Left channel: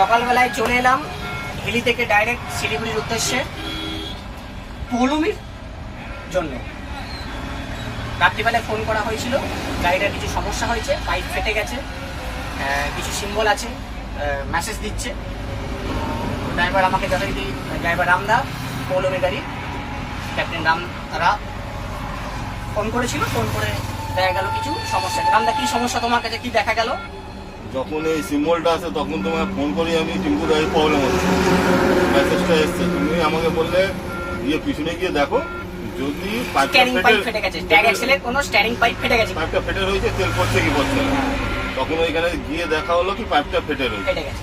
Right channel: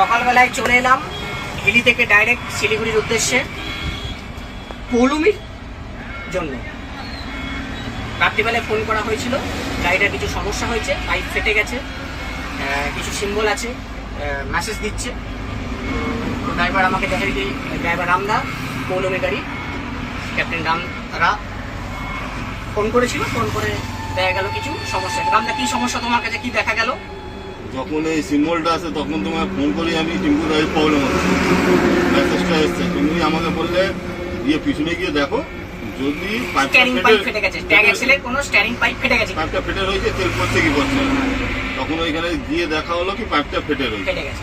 সকালবেলায় চলে এলাম হিলি থেকে ডাইরেক্ট শিলিগুড়ির উদ্দেশ্যে পৌলুমির জন্য। রাত্রিবেলায় ফোন করা হয়েছিল, গাড়িটার কিছু সমস্যা হয়েছে, পাইপ ফেটে গেছে, কিছু সিম্বল আছে, মেসেজ দিচ্ছে। ড্রাইভার আমাকে যথারীতি, ড্রাইভার রামদা, পৌলমি গাড়ি ক্যাপ্টেন রামরা ফোন করেছিল। ফোন করে দেখা গেল কিছু সমস্যা। রামদা, কি সমস্যা তোমার কাছে, কি দেখা গেল? যখন এই সিম্বলটা আছে তখন তোমায় ফোন করি আমি, টিম্পু গাড়ির প্রবলেম হচ্ছে, মেসেজটা এসছে। তুমি আমাকে বললে গিয়ে পিছনে গিয়ে দেখো, যদি স্টিয়ারিং পাইপ ফেটে গেছে, ট্যাগ অ্যাক্সেলের কোনো স্টিয়ারিং পাইপ ফেটে গেছে, পাইপটা ফেটে রয়েছে, তেল পড়ছে কি পড়ছে না। তখন ওইখানে গিয়ে দেখা হলো কি পাইপটা ফেটে গেছে।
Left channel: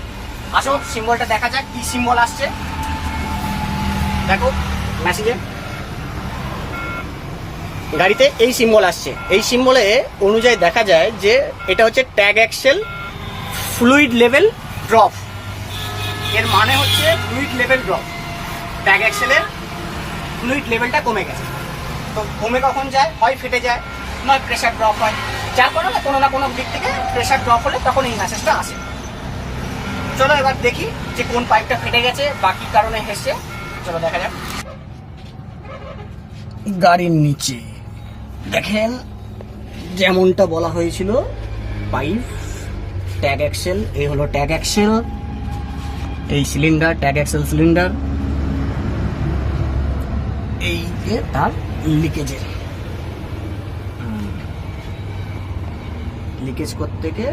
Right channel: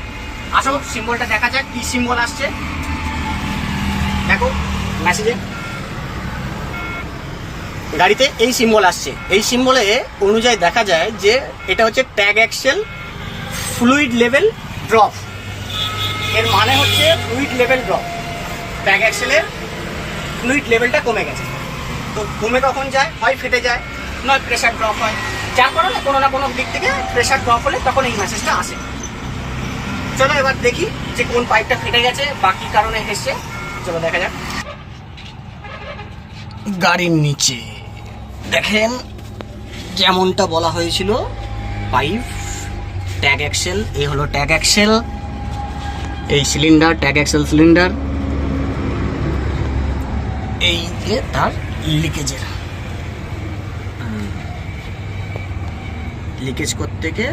আসো সিম্বলটা দেখা যাক, কি সিম্বল আসছে দেখো। মেসেজে গাড়িতে এই সিম্বল আসছে, এই সিম্বলে অনুযায়ী দেখা যায় যে এটা হচ্ছে tag axle fluid level drop. এর মানে হচ্ছে ফ্লুইড লেভেল ড্রপ, ট্যাগ অ্যাক্সেলের ফ্লুইড লেভেলটা কমে গেছে। তো কমে কখন যায়, হয় ফেটে যায়, নয় প্রেশার ড্রপ হয়, যার কারণে কোনো না কোনো দিক থেকে প্রেশার ড্রপ হলে তখন এই মেসেজটা আসে। চলো এবার দেখি যে কোন পাইপটা ফেটে গেছে বা কি কারণে এসছে, চলো দেখা যাক। গাড়ির নিচে দেখেন যেমনটা বলা হয়েছিল, পাইপ ট্যাগ অ্যাক্সেল, এই হলো ট্যাগ অ্যাক্সেল, এই সিলিন্ডার ট্যাগ অ্যাক্সেল সিলিন্ডার, এই যে তার লিকেজের লিকেজ করতে গিয়ে